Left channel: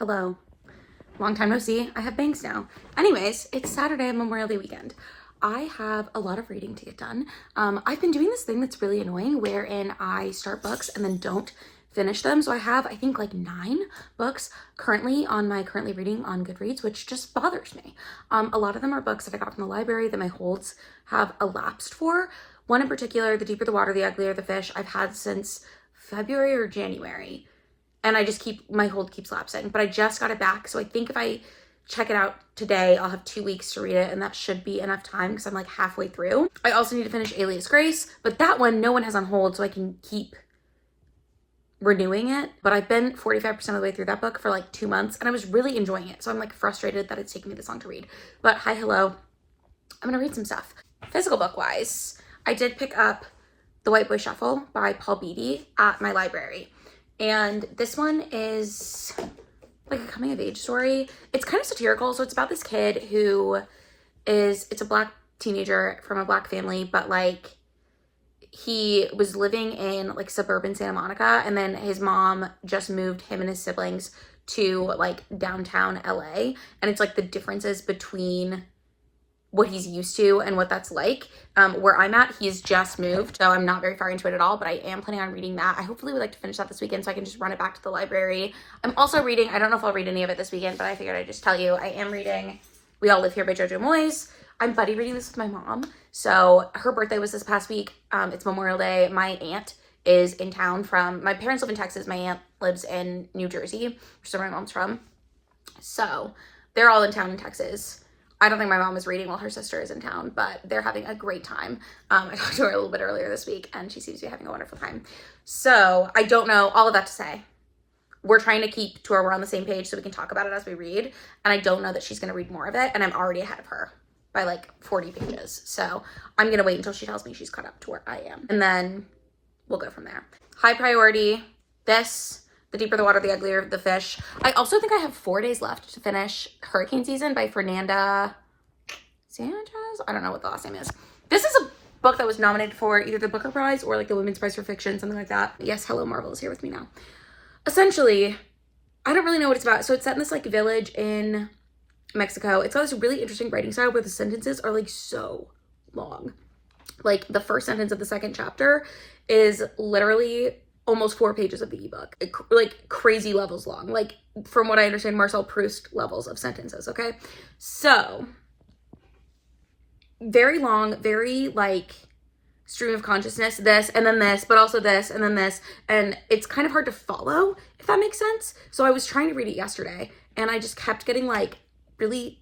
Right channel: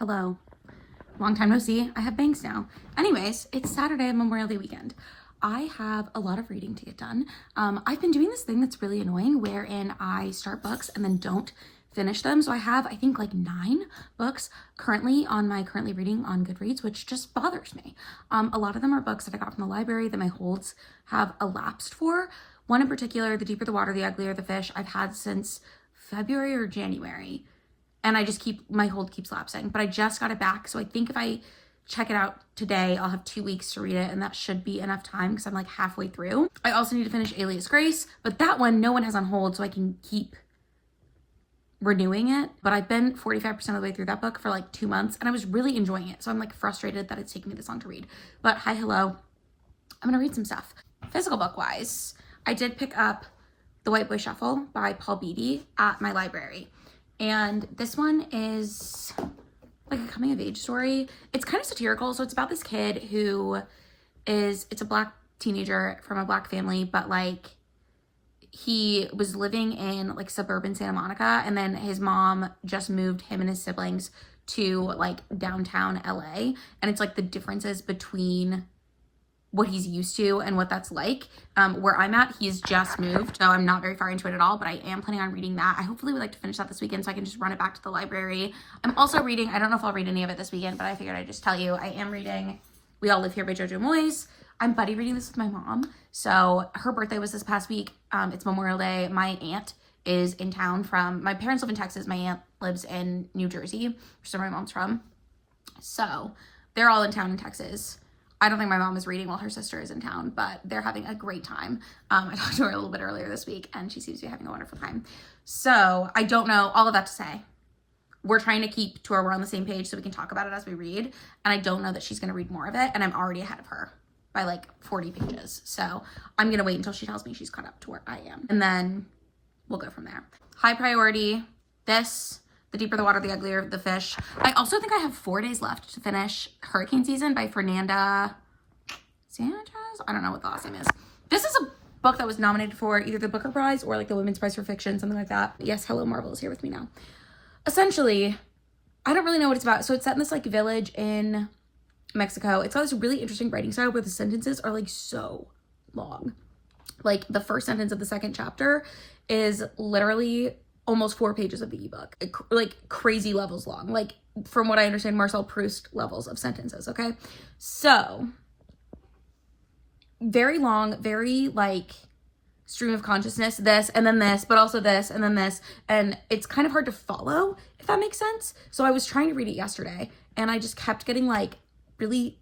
Hello. Long time no see. I have bangs now. Anyways, it's Saturday, Memorial Day weekend. I have a lot of reading to get done. I've been doing this thing that's really annoying wherein I start books and then don't finish them. So I have, I think, like 9 books currently on my currently reading on Goodreads, which just bothers me. A lot of them are books that I got from the library that my holds have elapsed for. One in particular, The Deeper the Water, the Uglier the Fish, I've had since February or January. And I just my hold keeps lapsing, but I just got it back. So I think if I check it out today, I'll have 2 weeks to read it, and that should be enough time because I'm like halfway through. I also need to finish Alias Grace, but that one no one has on hold, so I can keep renewing it. But I've been 45% of the way through that book for like 2 months, and I was really enjoying it. So I'm like frustrated that it's taking me this long to read. But hi, hello. I'm gonna read some stuff. Physical book wise, I did pick up The White Boy Shuffle by Paul Beatty at my library. And this one is like a coming of age story. It's kind of satirical. So it's about this kid who it's a black teenager from a black family, but like he was living in like suburban Santa Monica, and then his mom just moved him and his siblings to like downtown LA. And it's like the differences between what he's used to and what that's like. Where I'm at, he's just moved, so I'm not very far into it at all, but I am planning on reading that. I hopefully would like to finish that this weekend so I can just run it back to the library. I'm also reading, I don't know if I'll read any of it this weekend, but I figured I'd just tell you, I am reading We All Live Here by Jojo Moyes. I'm buddy reading this with my mom. So her birthday was this past week. It's Memorial Day. My aunt is in town my parents live in Texas. My aunt lives in New Jersey, which is where my mom's from. So they're all in town in Texas. I don't think my mom is reading while her sister is in town, but they're having a great time. I talked to her a little bit earlier this week, and she seems to be having a wonderful time. So I don't know, all of that to say, we're trying to keep to where we're on the same page so we can talk about it as we read. And I don't know that she's going to read more of it, and I'm already ahead of her by like 40 pages. So I'm going to wait until she tells me she's caught up to where I am. And then we'll go from there. High priority, The Deeper the Water, the Uglier the Fish. I also think I have 4 days left to finish Hurricane Season by Fernanda Sanchez. I don't know what the last name is. This is a book that was nominated for either the Booker Prize or like the Women's Prize for Fiction, something like that. Yes, hello, Marvel is here with me now. Essentially, I don't really know what it's about. So it's set in this like village in Mexico. It's got this really interesting writing style where the sentences are like so long. Like the first sentence of the second chapter is literally almost 4 pages of the ebook, like crazy levels long, like from what I understand, Marcel Proust levels of sentences. Okay, so very long, very like stream of consciousness, this and then this, but also this and then this, and it's kind of hard to follow, if that makes sense. So I was trying to read it yesterday, and I just kept getting like really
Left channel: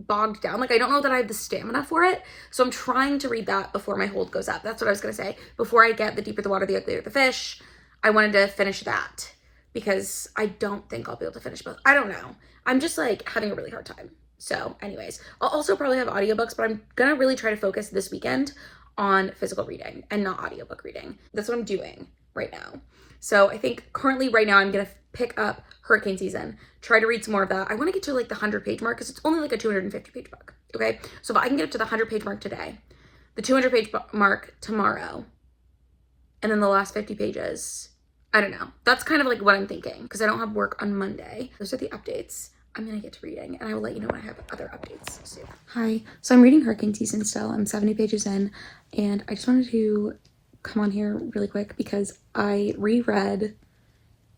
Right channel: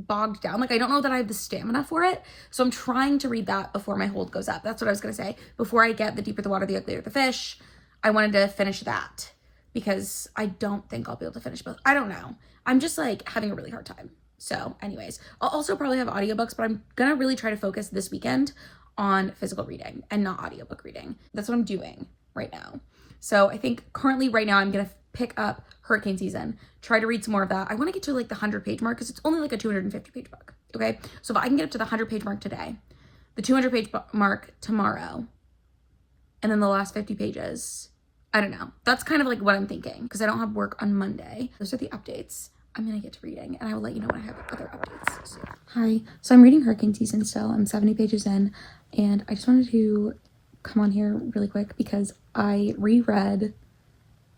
bogged down. Like I don't know that I have the stamina for it, so I'm trying to read that before my hold goes up. That's what I was gonna say. Before I get The Deeper the Water, the Uglier the Fish, I wanted to finish that because I don't think I'll be able to finish both. I don't know. I'm just like having a really hard time. So anyways, I'll also probably have audiobooks, but I'm gonna really try to focus this weekend on physical reading and not audiobook reading. That's what I'm doing right now. So I think currently right now I'm gonna pick up Hurricane Season, try to read some more of that. I wanna get to like the 100-page mark because it's only like a 250-page book, okay? So if I can get it to the 100-page mark today, the 200-page mark tomorrow, and then the last 50 pages, I don't know. That's kind of like what I'm thinking because I don't have work on Monday. Those are the updates. I'm gonna get to reading, and I will let you know when I have other updates soon. Hi, so I'm reading Hurricane Season still. I'm 70 pages in, and I just wanted to come on here really quick because I reread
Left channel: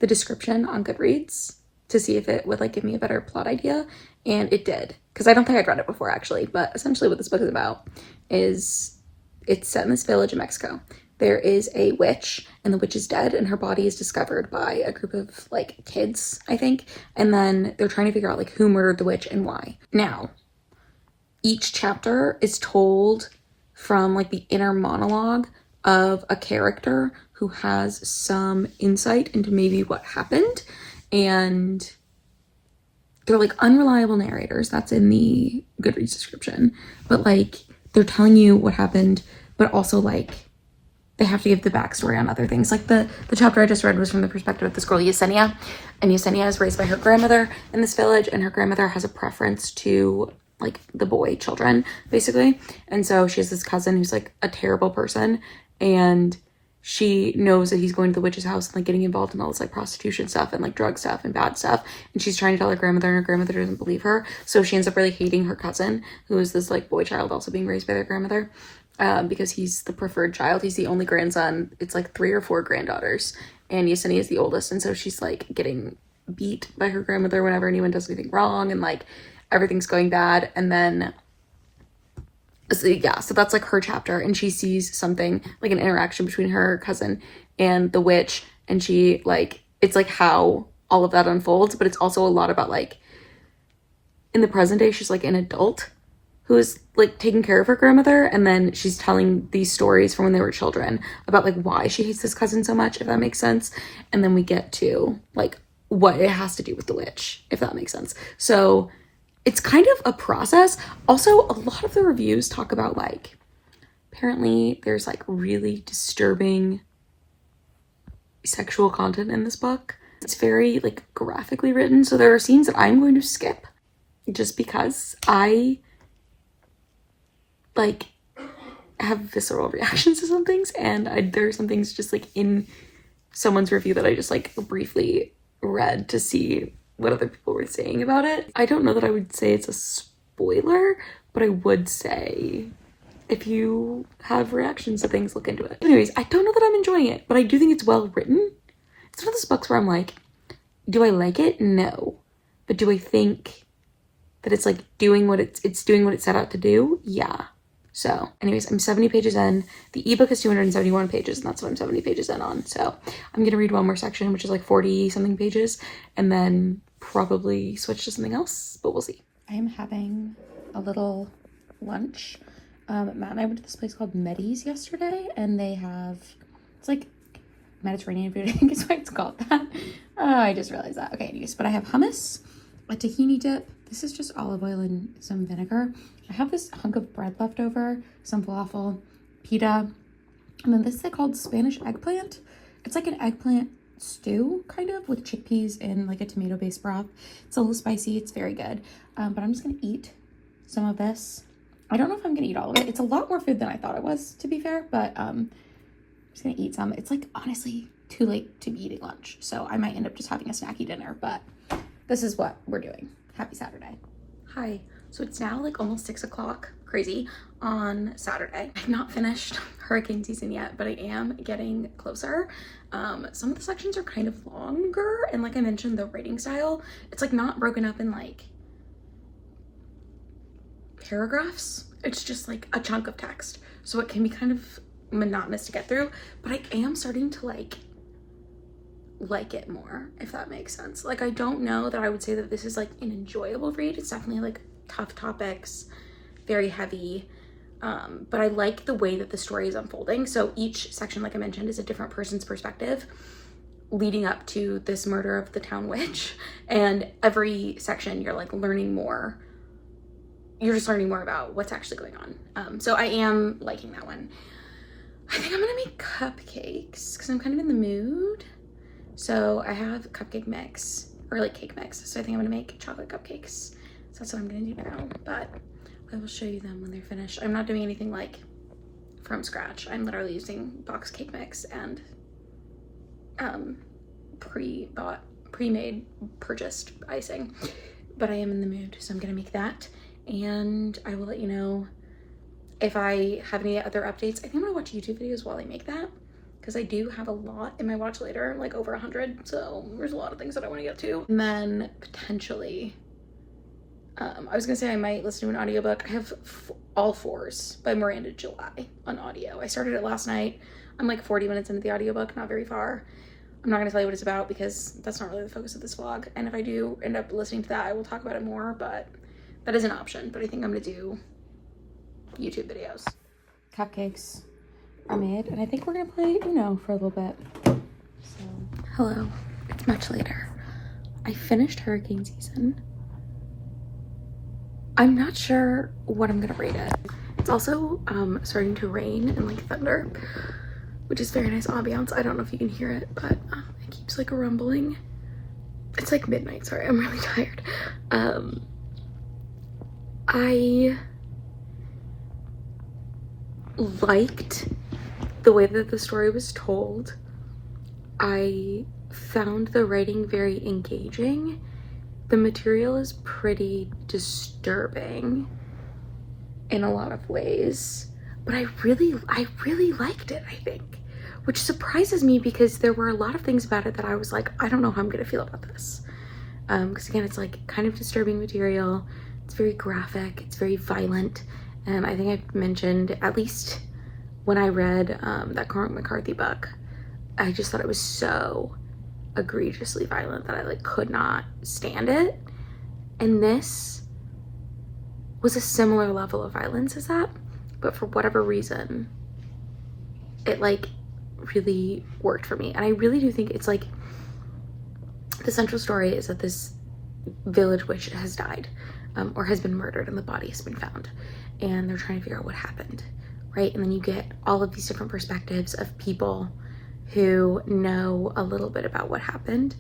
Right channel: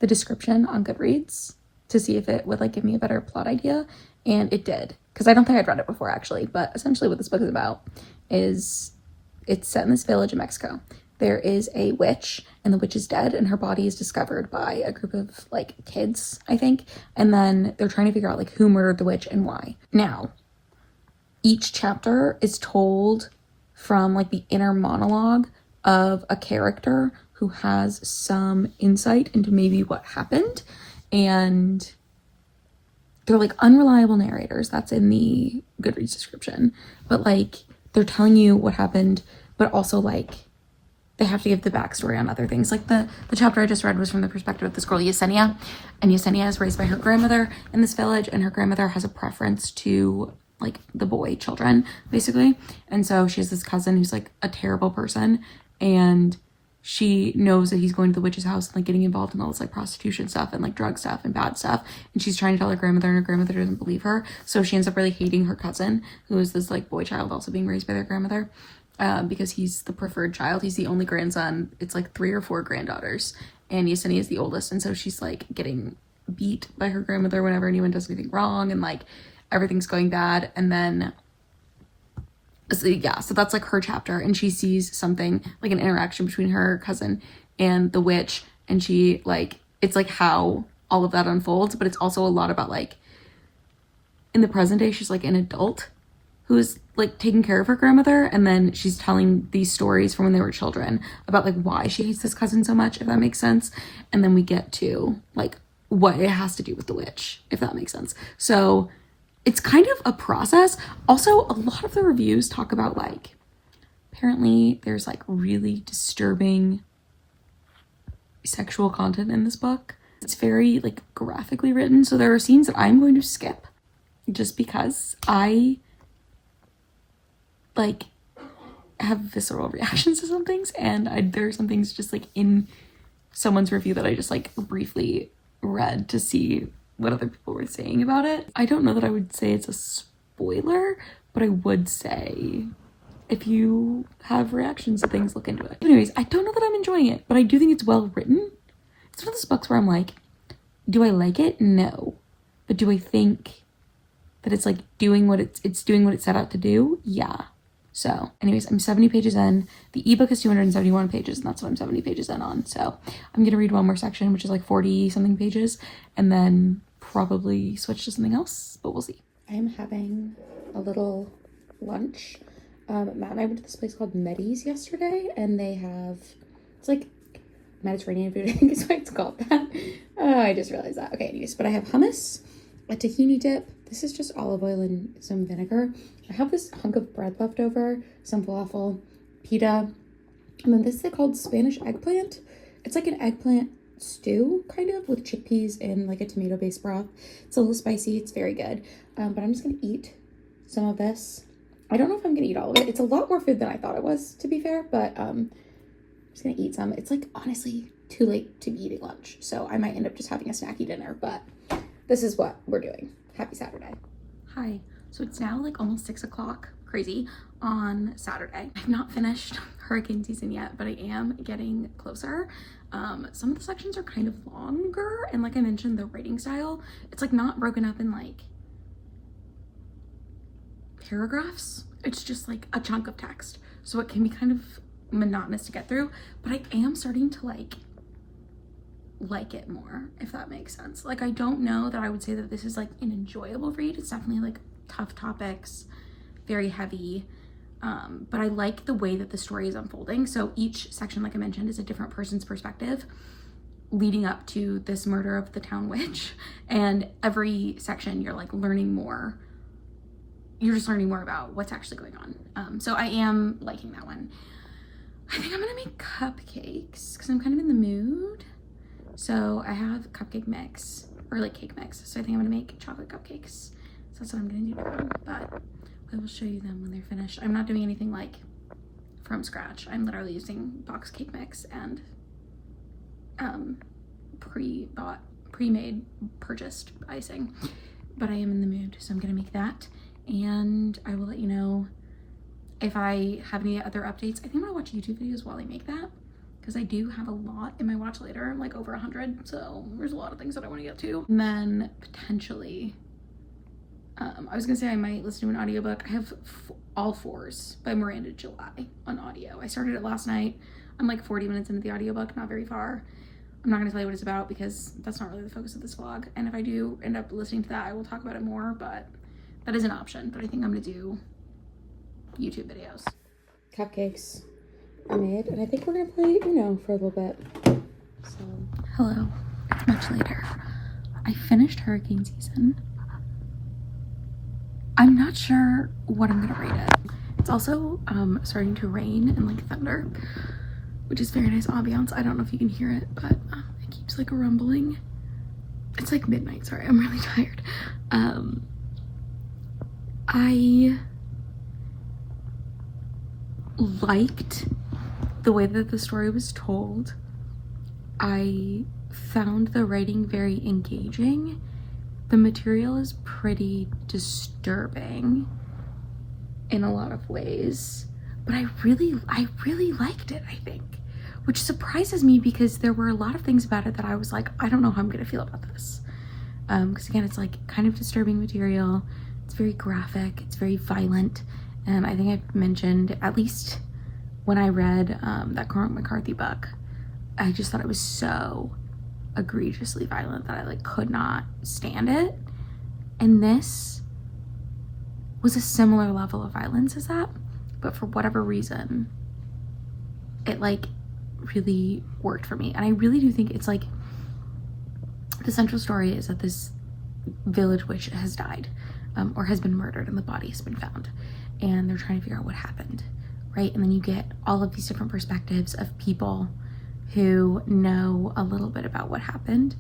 the description on Goodreads to see if it would like give me a better plot idea, and it did, because I don't think I'd read it before actually, but essentially what this book is about is it's set in this village in Mexico. There is a witch, and the witch is dead, and her body is discovered by a group of like kids, I think, and then they're trying to figure out like who murdered the witch and why. Now, each chapter is told from like the inner monologue of a character who has some insight into maybe what happened, and they're like unreliable narrators. That's in the Goodreads description, but like they're telling you what happened, but also like they have to give the backstory on other things. Like the chapter I just read was from the perspective of this girl, Yesenia. And Yesenia is raised by her grandmother in this village, and her grandmother has a preference to like the boy children, basically. And so she has this cousin who's like a terrible person, and she knows that he's going to the witch's house and like getting involved in all this like prostitution stuff and like drug stuff and bad stuff, and she's trying to tell her grandmother, and her grandmother doesn't believe her, so she ends up really hating her cousin, who is this like boy child also being raised by their grandmother, because he's the preferred child. He's the only grandson. It's like 3 or 4 granddaughters, and Yesenia is the oldest, and so she's like getting beat by her grandmother whenever anyone does anything wrong, and like everything's going bad. And then so yeah, so that's like her chapter, and she sees something like an interaction between her cousin and the witch, and she like, it's like how all of that unfolds, but it's also a lot about like in the present day she's like an adult who's like taking care of her grandmother, and then she's telling these stories from when they were children about like why she hates this cousin so much, if that makes sense. And then we get to like what it has to do with the witch, if that makes sense. So it's kind of a process. Also, a lot of the reviews talk about like, apparently there's like really disturbing sexual content in this book. It's very like graphically written, so there are scenes that I'm going to skip just because I like have visceral reactions to some things, and there are some things just like in someone's review that I just like briefly read to see what other people were saying about it. I don't know that I would say it's a spoiler, but I would say if you have reactions to things, look into it. Anyways, I don't know that I'm enjoying it, but I do think it's well written. It's one of those books where I'm like, do I like it? No. But do I think that it's like doing what it's doing what it set out to do? Yeah. So anyways, I'm 70 pages in. The ebook is 271 pages, and that's what I'm 70 pages in on. So I'm gonna read one more section, which is like 40 something pages, and then probably switch to something else, but we'll see. I am having a little lunch. Matt and I went to this place called Meddy's yesterday, and they have, it's like Mediterranean food, I think is why it's called that. I just realized that. Okay, anyways, but I have hummus, a tahini dip. This is just olive oil and some vinegar. I have this hunk of bread left over, some falafel, pita, and then this is called Spanish eggplant. It's like an eggplant stew, kind of, with chickpeas and like a tomato-based broth. It's a little spicy. It's very good. But I'm just gonna eat some of this. I don't know if I'm gonna eat all of it. It's a lot more food than I thought it was, to be fair, but I'm just gonna eat some. It's like honestly too late to be eating lunch, so I might end up just having a snacky dinner, but this is what we're doing. Happy Saturday. Hi. So it's now like almost 6 o'clock, crazy, on Saturday. I've not finished hurricane season yet, but I am getting closer. Some of the sections are kind of longer, and like I mentioned, the writing style, it's like not broken up in like paragraphs. It's just like a chunk of text, so it can be kind of monotonous to get through, but I am starting to like it more, if that makes sense. Like, I don't know that I would say that this is like an enjoyable read. It's definitely like tough topics, very heavy, but I like the way that the story is unfolding. So each section, like I mentioned, is a different person's perspective leading up to this murder of the town witch, and every section you're like learning more. You're just learning more about what's actually going on. So I am liking that one. I think I'm gonna make cupcakes because I'm kind of in the mood. So I have cupcake mix, or like cake mix. So I think I'm gonna make chocolate cupcakes. So that's what I'm gonna do now, but I will show you them when they're finished. I'm not doing anything like from scratch. I'm literally using box cake mix and pre-bought, pre-made, purchased icing. But I am in the mood, so I'm gonna make that, and I will let you know if I have any other updates. I think I'm gonna watch YouTube videos while I make that, because I do have a lot in my watch later, like over 100, so there's a lot of things that I want to get to. And then potentially, I was gonna say I might listen to an audiobook. I have All Fours by Miranda July on audio. I started it last night. I'm like 40 minutes into the audiobook, not very far. I'm not gonna tell you what it's about because that's not really the focus of this vlog. And if I do end up listening to that, I will talk about it more, but that is an option. But I think I'm gonna do YouTube videos. Cupcakes are made, and I think we're gonna play Uno for a little bit. So, hello, it's much later. I finished hurricane season. I'm not sure what I'm gonna rate it. It's also starting to rain and like thunder, which is very nice ambiance. I don't know if you can hear it, but it keeps like rumbling. It's like midnight, sorry, I'm really tired. I liked the way that the story was told, I found the writing very engaging. The material is pretty disturbing in a lot of ways, but I really liked it, I think, which surprises me because there were a lot of things about it that I was like, I don't know how I'm gonna feel about this. Because again, it's like kind of disturbing material. It's very graphic, it's very violent. And I think I mentioned, at least when I read that Cormac McCarthy book, I just thought it was so egregiously violent that I like could not stand it. And this was a similar level of violence as that, but for whatever reason, it like really worked for me. And I really do think it's like, the central story is that this village witch has died, or has been murdered, and the body has been found, and they're trying to figure out what happened, right? And then you get all of these different perspectives of people who know a little bit about what happened,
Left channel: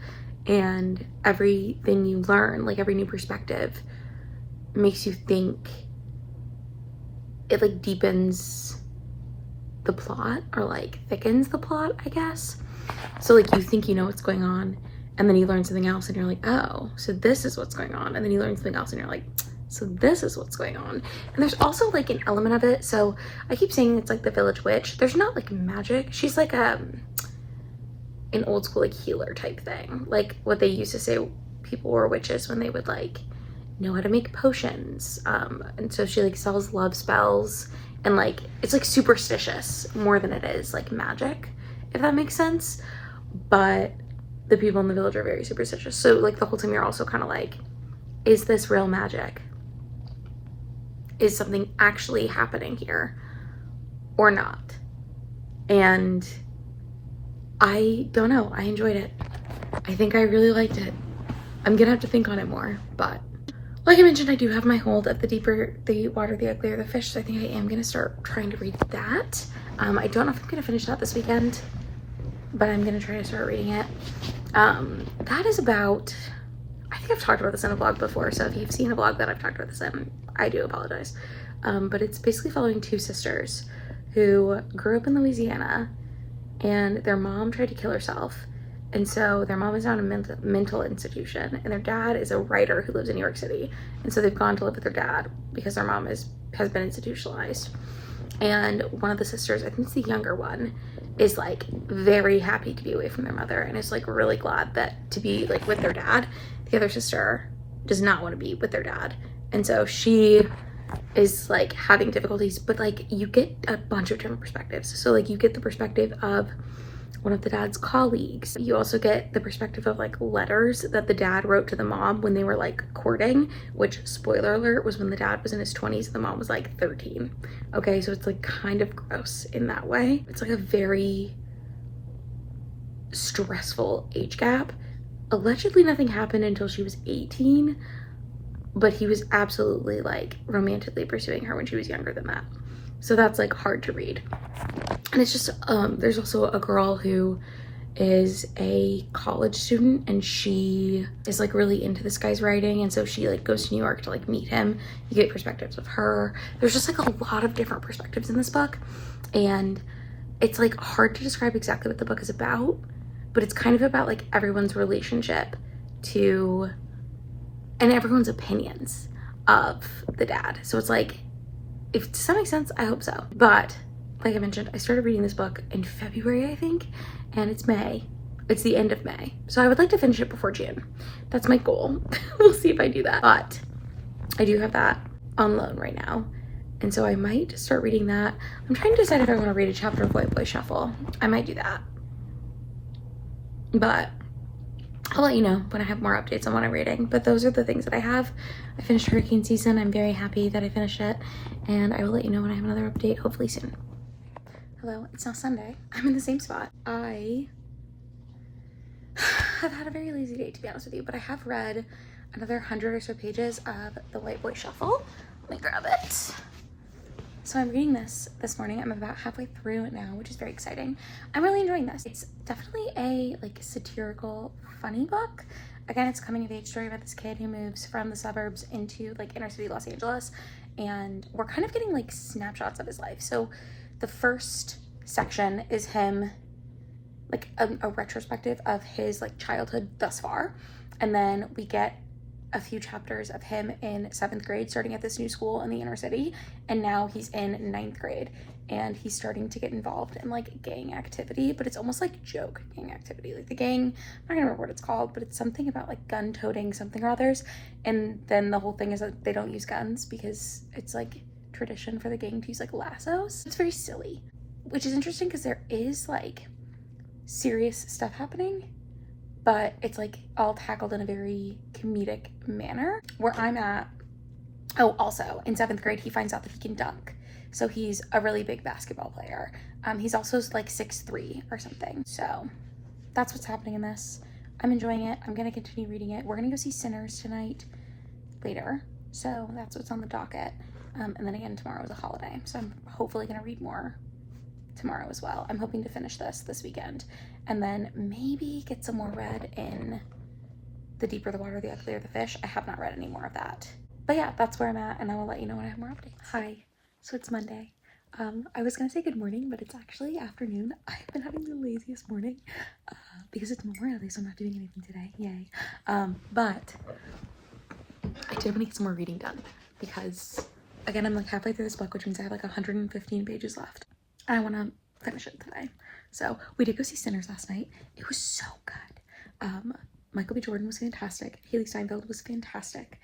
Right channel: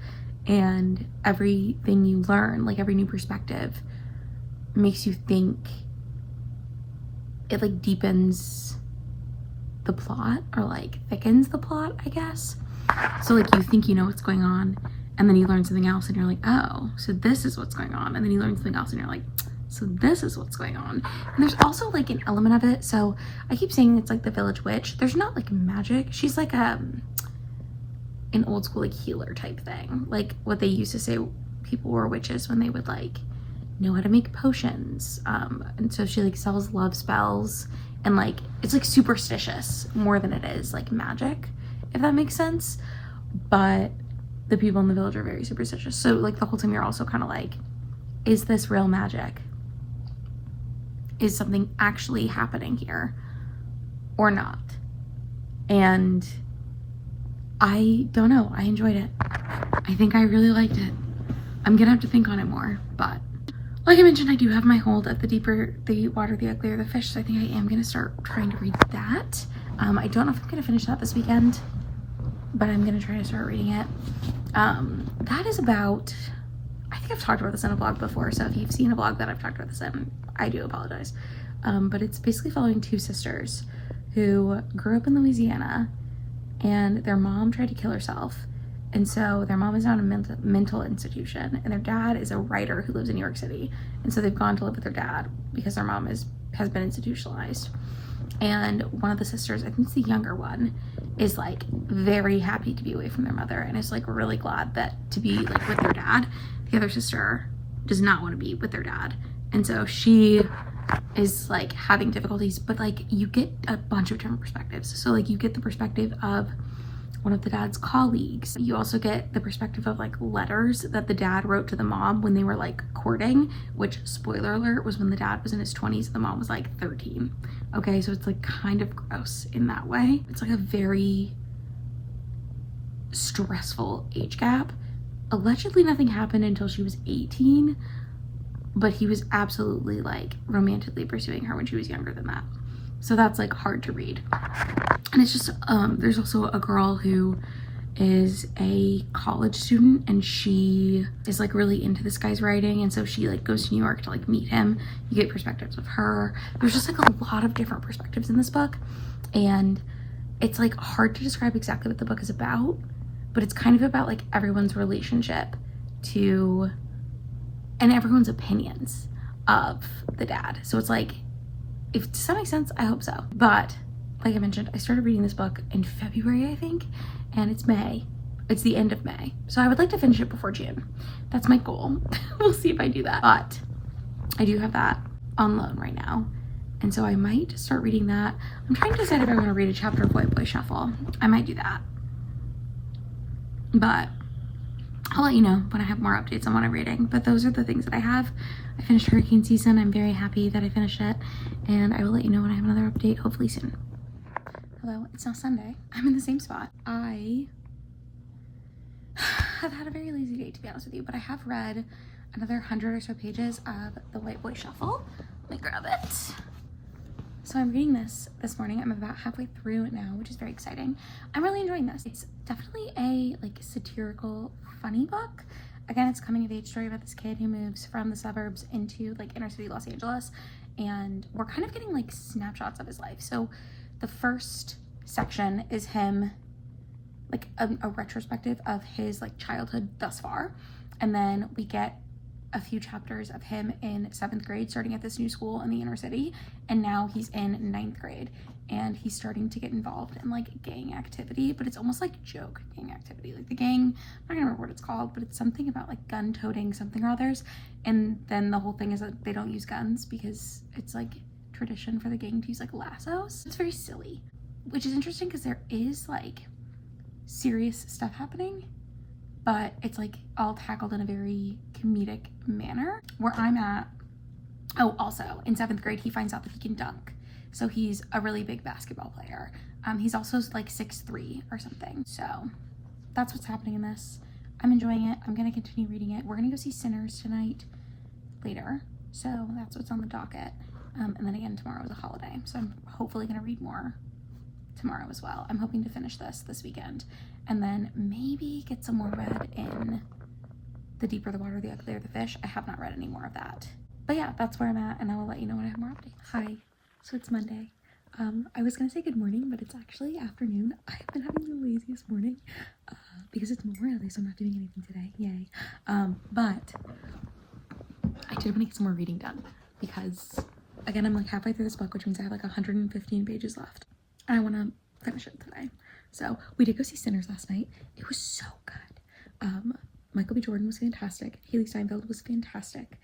and everything you learn, like every new perspective, makes you think. It like deepens the plot, or like thickens the plot, I guess. So like you think you know what's going on, and then you learn something else and you're like, oh, so this is what's going on. And then you learn something else and you're like, so this is what's going on. And there's also like an element of it. So I keep saying it's like the village witch. There's not like magic. She's like an old school like healer type thing. Like what they used to say people were witches when they would like know how to make potions. And so she like sells love spells, and like it's like superstitious more than it is like magic, if that makes sense. But the people in the village are very superstitious. So like the whole time you're also kind of like, is this real magic? Is something actually happening here or not? And I don't know. I enjoyed it. I think I really liked it. I'm gonna have to think on it more, but like I mentioned, I do have my hold of The Deeper the Water, the Uglier the Fish, so I think I am gonna start trying to read that. I don't know if I'm gonna finish that this weekend, but I'm gonna try to start reading it. That is about, I think I've talked about this in a vlog before, so if you've seen a vlog that I've talked about this in, I do apologize. But it's basically following two sisters who grew up in Louisiana, and their mom tried to kill herself. And so their mom is now in a mental institution, and their dad is a writer who lives in New York City. And so they've gone to live with their dad because their mom has been institutionalized. And one of the sisters, I think it's the younger one, is like very happy to be away from their mother and is like really glad that to be like with their dad. The other sister does not want to be with their dad. And so she is like having difficulties, but like you get a bunch of different perspectives. So like you get the perspective of one of the dad's colleagues. You also get the perspective of like letters that the dad wrote to the mom when they were like courting, which, spoiler alert, was when the dad was in his 20s and the mom was like 13. Okay, so it's like kind of gross in that way. It's like a very stressful age gap. Allegedly nothing happened until she was 18, but he was absolutely like romantically pursuing her when she was younger than that. So that's like hard to read. And it's just, there's also a girl who is a college student, and she is like really into this guy's writing, and so she like goes to New York to like meet him. You get perspectives of her. There's just like a lot of different perspectives in this book, and it's like hard to describe exactly what the book is about, but it's kind of about like everyone's relationship to, and everyone's opinions of the dad. So it's like, if does that make sense? I hope so. But like I mentioned, I started reading this book in February, I think, and it's May. It's the end of May. So I would like to finish it before June. That's my goal. We'll see if I do that. But I do have that on loan right now. And so I might start reading that. I'm trying to decide if I want to read a chapter of White Boy Shuffle. I might do that. But I'll let you know when I have more updates on what I'm reading. But those are the things that I have. I finished hurricane season. I'm very happy that I finished it. And I will let you know when I have another update, hopefully soon. Hello, it's now Sunday. I'm in the same spot. I have had a very lazy day, to be honest with you, but I have read another 100 or so pages of The White Boy Shuffle. Let me grab it. So I'm reading this morning. I'm about halfway through it now, which is very exciting. I'm really enjoying this. It's definitely a like satirical, funny book. Again, it's a coming of age story about this kid who moves from the suburbs into like inner city Los Angeles, and we're kind of getting like snapshots of his life. So the first section is him, like a retrospective of his like childhood thus far. And then we get a few chapters of him in 7th grade, starting at this new school in the inner city. And now he's in 9th grade and he's starting to get involved in like gang activity, but it's almost like joke gang activity. Like the gang, I'm not gonna remember what it's called, but it's something about like gun toting something or others. And then the whole thing is that they don't use guns because it's like tradition for the gang to use like lassos. It's very silly, which is interesting because there is like serious stuff happening, but it's like all tackled in a very comedic manner. Where I'm at, oh, also in 7th grade, he finds out that he can dunk. So he's a really big basketball player. He's also like 6'3" or something. So that's what's happening in this. I'm enjoying it. I'm gonna continue reading it. We're gonna go see Sinners tonight later. So that's what's on the docket. And then again, tomorrow is a holiday. So I'm hopefully gonna read more tomorrow as well. I'm hoping to finish this weekend and then maybe get some more read in The Deeper the Water, the Uglier the Fish. I have not read any more of that. But yeah, that's where I'm at, and I will let you know when I have more updates. Hi, so it's Monday. I was gonna say good morning, but it's actually afternoon. I've been having the laziest morning because it's Memorial Day, so I'm not doing anything today. Yay. But I did want to get some more reading done because, again, I'm like halfway through this book, which means I have like 115 pages left. I want to finish it today. So we did go see Sinners last night. It was so good. Michael B. Jordan was fantastic. Haley Steinfeld was fantastic.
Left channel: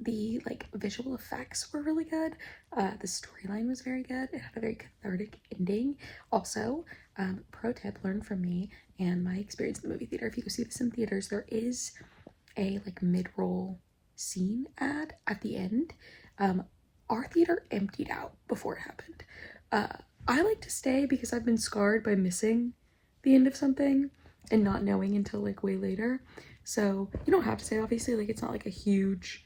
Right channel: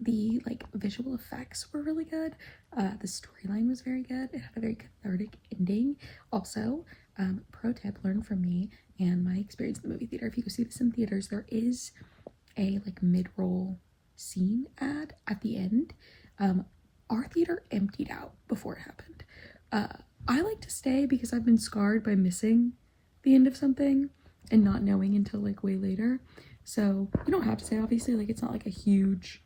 The like visual effects were really good. The storyline was very good. It had a very cathartic ending. Also, pro tip, learn from me and my experience in the movie theater. If you go see this in theaters, there is a like mid-roll scene ad at the end. Our theater emptied out before it happened. I like to stay because I've been scarred by missing the end of something and not knowing until like way later. So you don't have to say, obviously, like it's not like a huge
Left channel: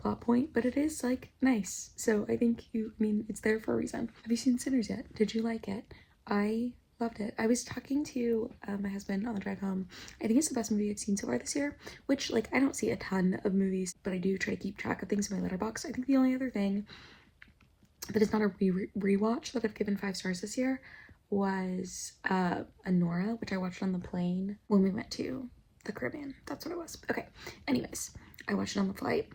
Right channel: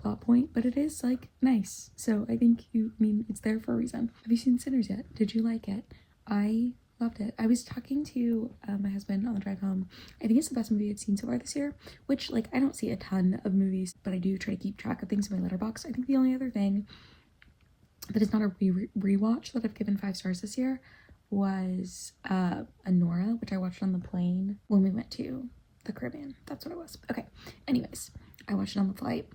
plot point, but it is like nice. So I think it's there for a reason. Have you seen Sinners yet? Did you like it? I loved it. I was talking to my husband on the drive home. I think it's the best movie I've seen so far this year, which like I don't see a ton of movies, but I do try to keep track of things in my letterbox. I think the only other thing that is not a rewatch that I've given 5 stars this year was Anora, which I watched on the plane when we went to the Caribbean. That's what it was. Okay. Anyways, I watched it on the flight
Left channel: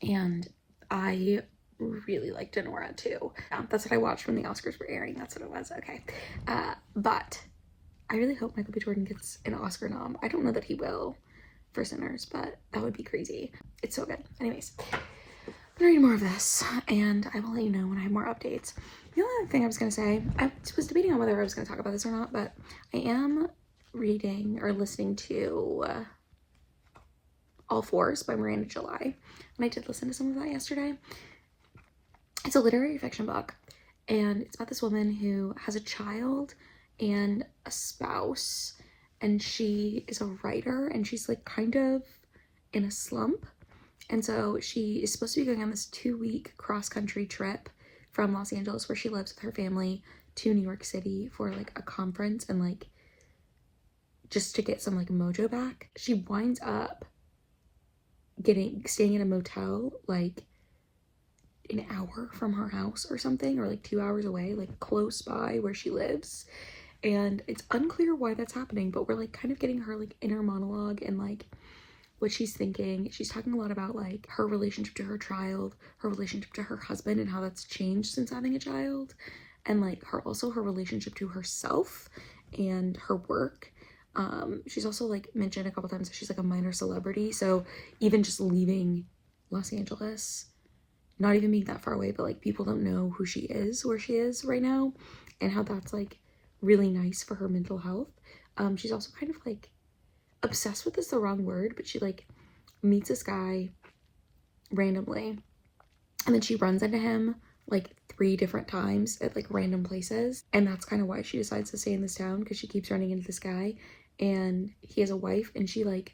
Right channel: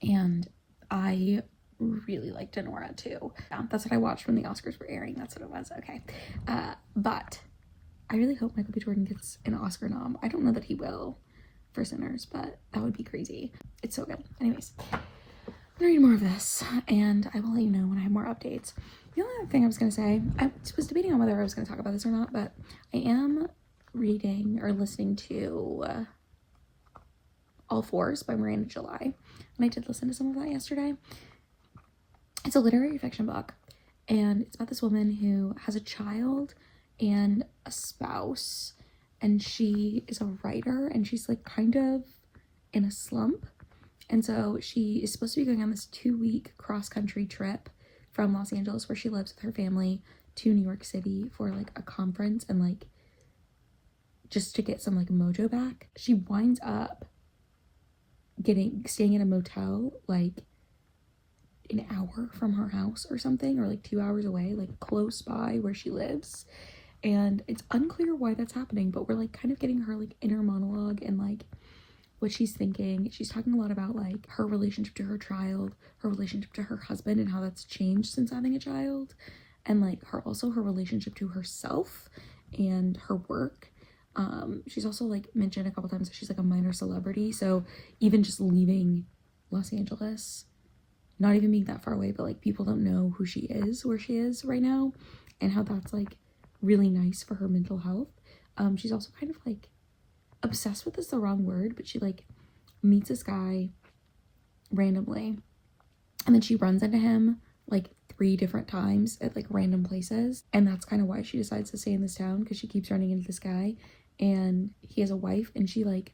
and I really liked Anora too. That's what I watched when the Oscars were airing. That's what it was. Okay. But I really hope Michael B. Jordan gets an Oscar nom. I don't know that he will for Sinners, but that would be crazy. It's so good. Anyways, I'm gonna read more of this and I will let you know when I have more updates. The only other thing I was going to say, I was debating on whether I was going to talk about this or not, but I am reading or listening to All Fours by Miranda July, and I did listen to some of that yesterday. It's a literary fiction book, and it's about this woman who has a child and a spouse, and she is a writer, and she's like kind of in a slump, and so she is supposed to be going on this 2-week cross-country trip from Los Angeles, where she lives with her family, to New York City for like a conference and like just to get some like mojo back. She winds up staying in a motel like an hour from her house or something, or like 2 hours away, like close by where she lives. And it's unclear why that's happening, but we're like kind of getting her like inner monologue and like what she's thinking. She's talking a lot about like her relationship to her child, her relationship to her husband and how that's changed since having a child, and like her relationship to herself and her work. She's also like mentioned a couple times that she's like a minor celebrity, so even just leaving Los Angeles, not even being that far away, but like people don't know who she is, where she is right now, and how that's like really nice for her mental health. She's also kind of like obsessed with is the wrong word, but she like meets this guy randomly and then she runs into him like 3 different times at like random places, and that's kind of why she decides to stay in this town, because she keeps running into this guy and he has a wife, and she like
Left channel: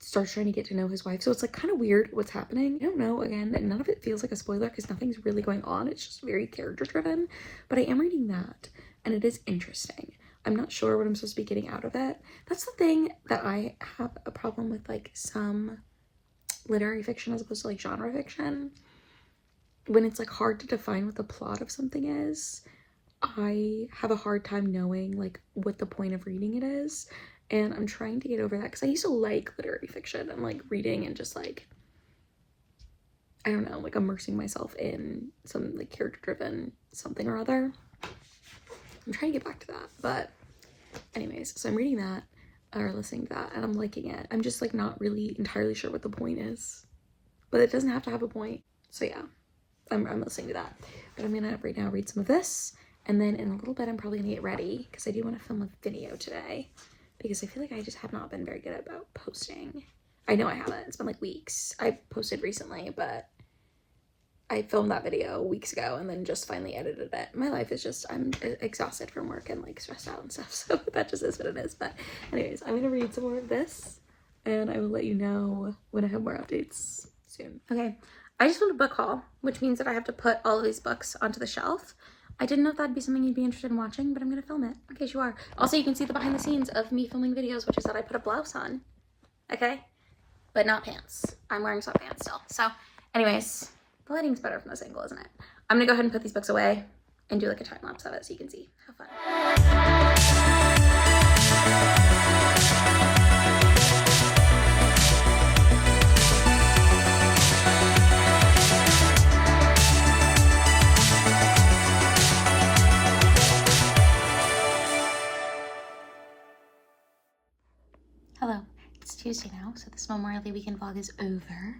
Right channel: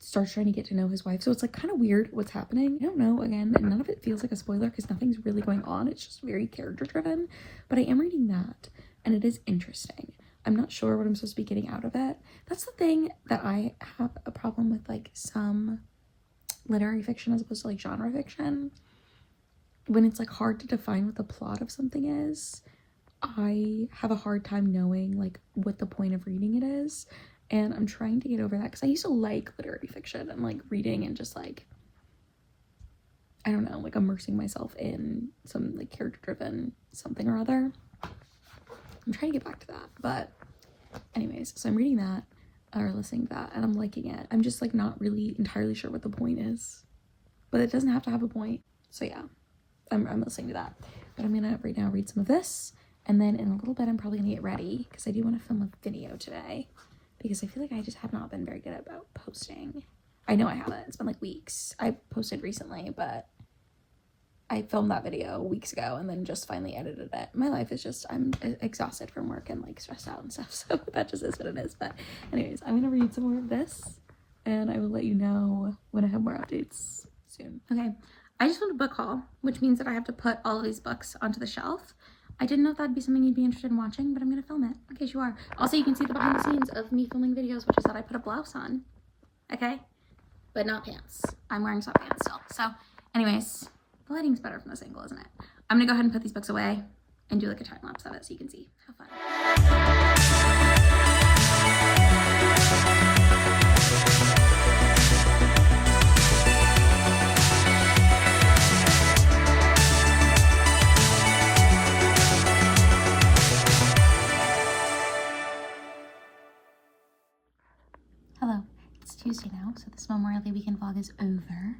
starts trying to get to know his wife. So it's like kind of weird what's happening. I don't know, again, none of it feels like a spoiler because nothing's really going on. It's just very character driven, but I am reading that and it is interesting. I'm not sure what I'm supposed to be getting out of it. That's the thing that I have a problem with, like some literary fiction as opposed to like genre fiction. When it's like hard to define what the plot of something is, I have a hard time knowing like what the point of reading it is, and I'm trying to get over that because I used to like literary fiction and like reading and just like, I don't know, like immersing myself in some like character driven something or other. I'm trying to get back to that, but anyways, so I'm reading that or listening to that and I'm liking it. I'm just like not really entirely sure what the point is, but it doesn't have to have a point. So yeah, I'm listening to that, but I'm gonna right now read some of this, and then in a little bit I'm probably gonna get ready because I do want to film a video today because I feel like I just have not been very good about posting. I know I haven't, it's been like weeks. I posted recently, but I filmed that video weeks ago and then just finally edited it. My life is just, I'm exhausted from work and like stressed out and stuff, so that just is what it is. But anyways, I'm gonna read some more of this and I will let you know when I have more updates soon. Okay, I just filmed a book haul, which means that I have to put all of these books onto the shelf. I didn't know if that'd be something you'd be interested in watching, but I'm gonna film it in case you are. Also, you can see the behind the scenes of me filming videos, which is that I put a blouse on, okay? But not pants. I'm wearing sweatpants still. So anyways, the lighting's better from this angle, isn't it? I'm gonna go ahead and put these books away and do like a time lapse of it so you can see. Have fun. Hello, it's Tuesday now, so this Memorial Day weekend vlog is over.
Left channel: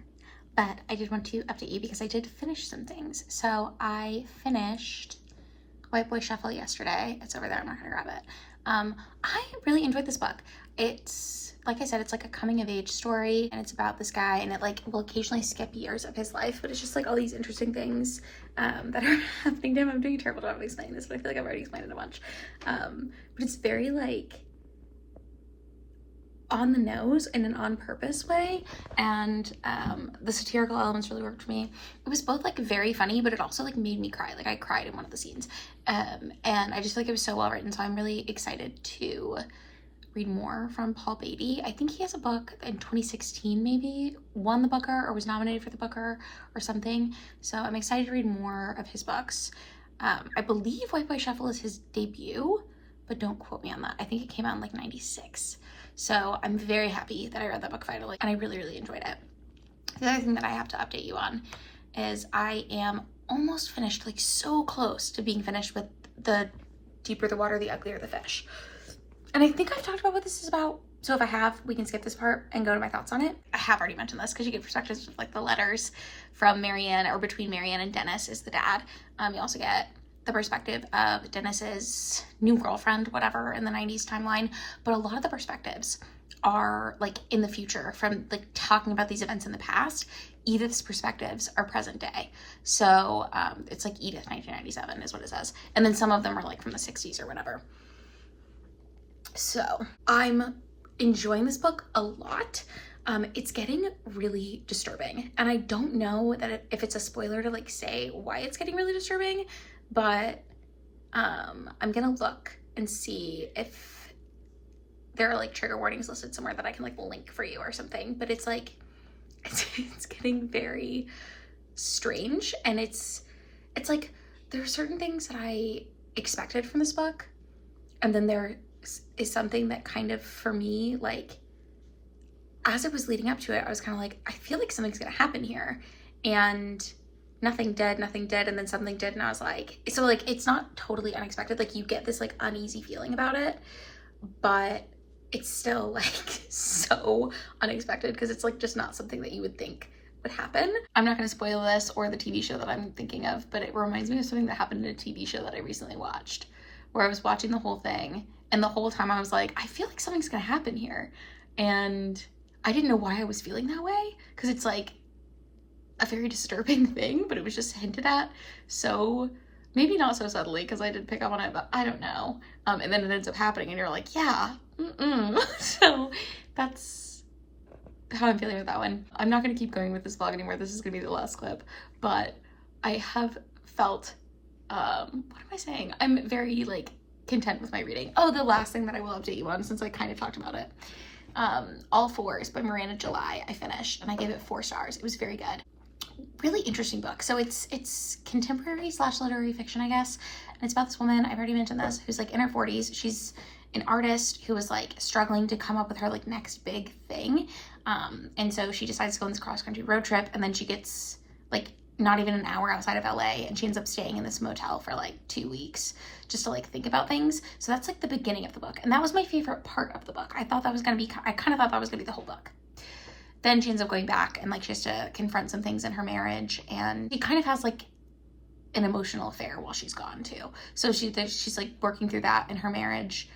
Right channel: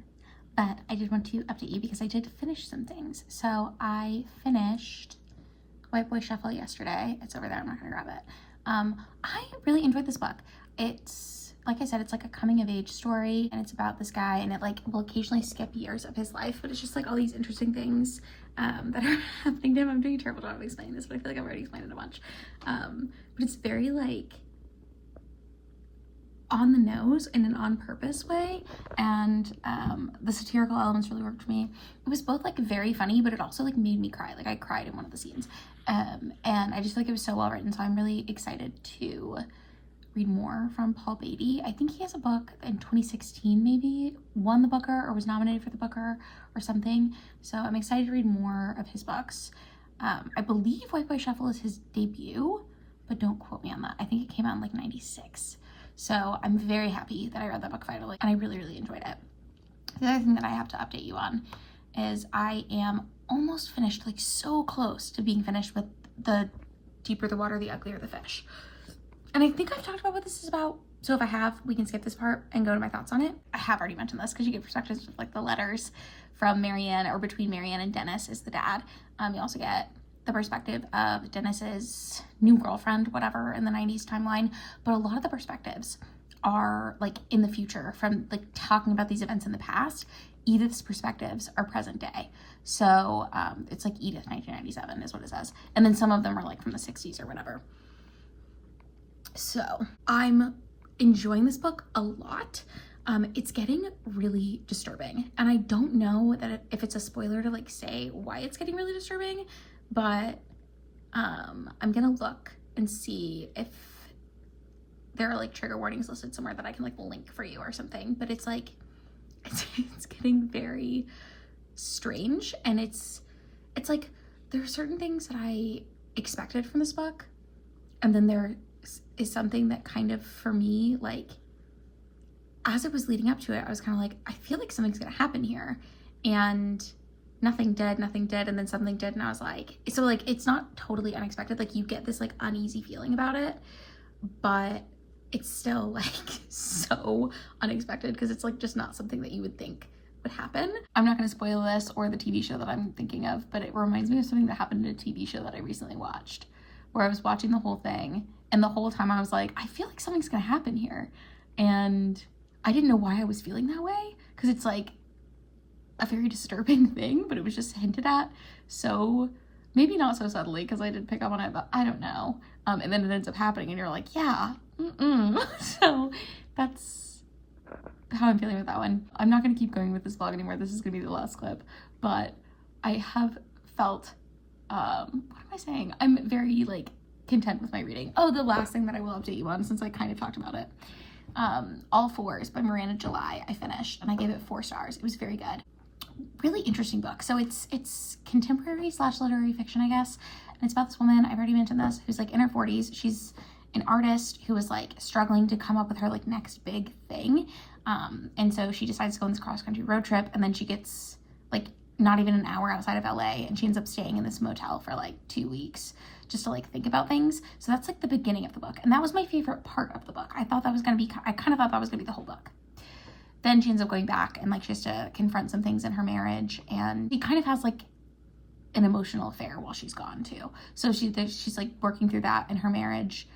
But I did want to update you because I did finish some things. So I finished White Boy Shuffle yesterday. It's over there, I'm not gonna grab it. I really enjoyed this book. It's, like I said, it's like a coming of age story and it's about this guy, and it like will occasionally skip years of his life, but it's just like all these interesting things that are happening to him. I'm doing a terrible job of explaining this, but I feel like I've already explained it a bunch. But it's very like on the nose in an on purpose way, and the satirical elements really worked for me. It was both like very funny, but it also like made me cry. Like I cried in one of the scenes, and I just feel like it was so well written, so I'm really excited to read more from Paul Beatty. I think he has a book in 2016 maybe won the Booker or was nominated for the Booker or something, so I'm excited to read more of his books. I believe White Boy Shuffle is his debut, but don't quote me on that. I think it came out in like 96. So I'm very happy that I read that book finally, and I really, really enjoyed it. The other thing that I have to update you on is I am almost finished, like so close to being finished with The Deeper the Water, the Uglier the Fish. And I think I've talked about what this is about. So if I have, we can skip this part and go to my thoughts on it. I have already mentioned this because you get perspectives of like the letters from Marianne, or between Marianne and Dennis is the dad. You also get the perspective of Dennis's new girlfriend, whatever, in the 90s timeline. But a lot of the perspectives are like in the future, from like talking about these events in the past. Edith's perspectives are present day. So it's like Edith 1997 is what it says. And then some of them are like from the 60s or whatever. So I'm enjoying this book a lot. It's getting really disturbing, and I don't know that if it's a spoiler to like say why it's getting really disturbing, but I'm gonna look and see if there are like trigger warnings listed somewhere that I can like link for you or something. But it's like it's getting very strange, and it's like there are certain things that I expected from this book, and then there is something that kind of, for me, like as it was leading up to it, I was kind of like, I feel like something's gonna happen here, and nothing did, and then something did, and I was like, so like it's not totally unexpected. Like you get this like uneasy feeling about it, but it's still like so unexpected because it's like just not something that you would think would happen. I'm not going to spoil this or the TV show that I'm thinking of, but it reminds me of something that happened in a TV show that I recently watched, where I was watching the whole thing, and the whole time I was like, I feel like something's gonna happen here, and I didn't know why I was feeling that way, because it's like a very disturbing thing, but it was just hinted at, so maybe not so subtly, because I did pick up on it, but I don't know. And then it ends up happening, and you're like, yeah, so that's how I'm feeling with that one. I'm not gonna keep going with this vlog anymore. This is gonna be the last clip, but I have felt, what am I saying? I'm very like content with my reading. Oh, the last thing that I will update you on, since I kind of talked about it. All Fours by Miranda July, I finished, and I gave it 4 stars. It was very good. really interesting book. So it's contemporary / literary fiction, I guess. And it's about this woman, I've already mentioned this, who's like in her 40s. She's an artist who was like struggling to come up with her like next big thing. And so she decides to go on this cross-country road trip, and then she gets like not even an hour outside of LA, and she ends up staying in this motel for like 2 weeks just to like think about things. So that's like the beginning of the book, and that was my favorite part of the book. I kind of thought that was gonna be the whole book. Then she ends up going back, and like she has to confront some things in her marriage, and she kind of has like an emotional affair while she's gone too. So she's like working through that in her marriage.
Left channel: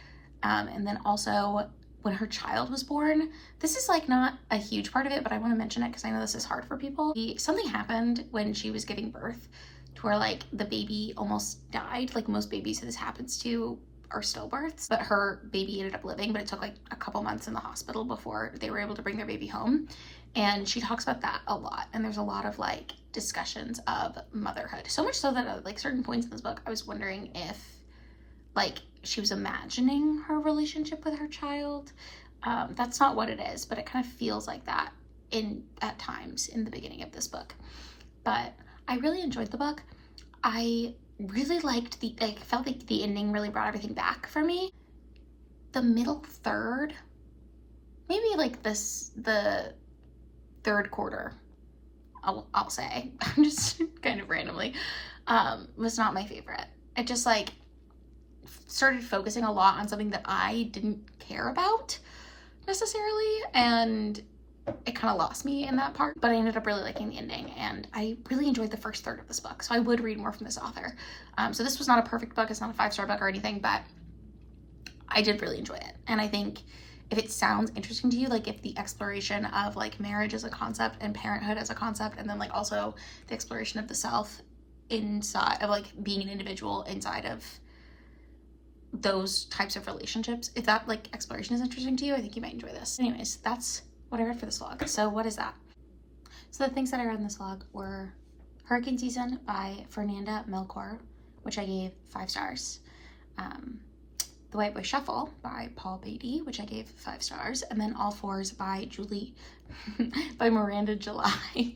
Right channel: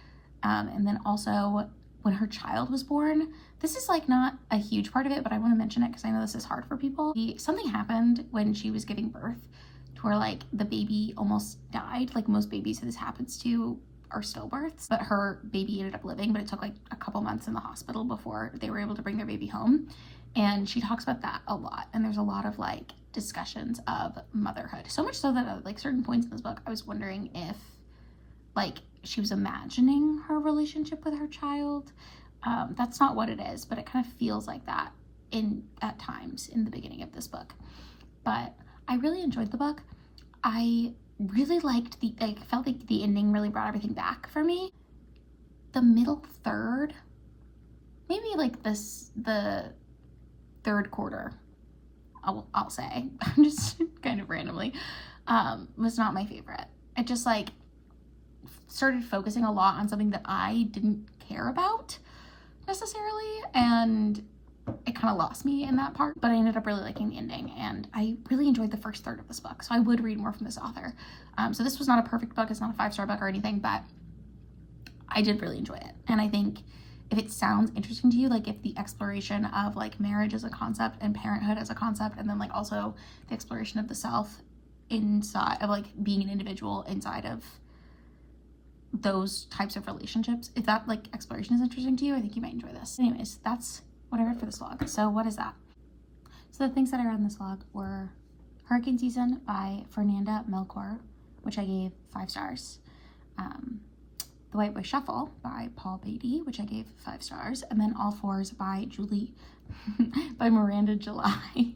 And then also when her child was born, this is like not a huge part of it, but I want to mention it because I know this is hard for people. Something happened when she was giving birth to where like the baby almost died. Like most babies that this happens to are stillbirths, but her baby ended up living, but it took like a couple months in the hospital before they were able to bring their baby home. And she talks about that a lot, and there's a lot of like discussions of motherhood, so much so that at like certain points in this book I was wondering if like she was imagining her relationship with her child. That's not what it is, but it kind of feels like that at times in the beginning of this book. But I really enjoyed the book. I really liked felt like the ending really brought everything back for me. The middle third, maybe like the third quarter, I'll say, just kind of randomly, was not my favorite. It just like started focusing a lot on something that I didn't care about necessarily, and it kind of lost me in that part. But I ended up really liking the ending, and I really enjoyed the first third of this book, so I would read more from this author. So this was not a perfect book, it's not a 5-star book or anything, but I did really enjoy it. And I think if it sounds interesting to you, like if the exploration of like marriage as a concept and parenthood as a concept, and then like also the exploration of the self inside of like being an individual inside of those types of relationships, if that like exploration is interesting to you, I think you might enjoy this. Anyways, that's what I read for this vlog. So what is that? So the things that I read in this vlog were Hurricane Season by Fernanda Melchor, which I gave 5 stars. The White Boy Shuffle by Paul Beatty, which I gave 5 stars. And then All Fours by by Miranda July,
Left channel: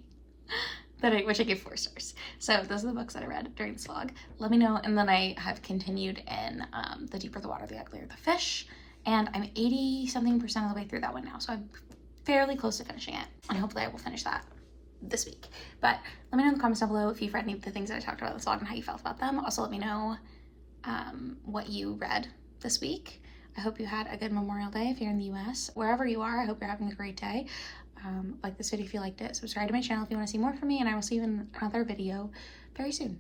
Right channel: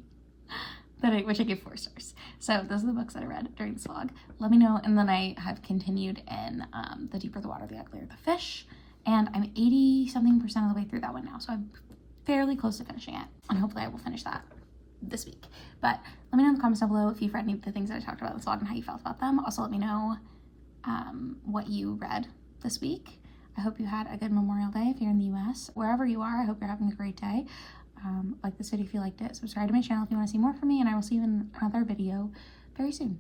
which I gave 4 stars. So those are the books that I read during this vlog. Let me know. And then I have continued in The Deeper the Water, the Uglier the Fish. And I'm 80-something% of the way through that one now. So I'm fairly close to finishing it. And hopefully I will finish that this week. But let me know in the comments down below if you've read any of the things that I talked about in this vlog and how you felt about them. Also let me know what you read this week. I hope you had a good Memorial Day if you're in the US. Wherever you are, I hope you're having a great day. Like this video if you liked it. Subscribe to my channel if you want to see more from me, and I will see you in another video very soon.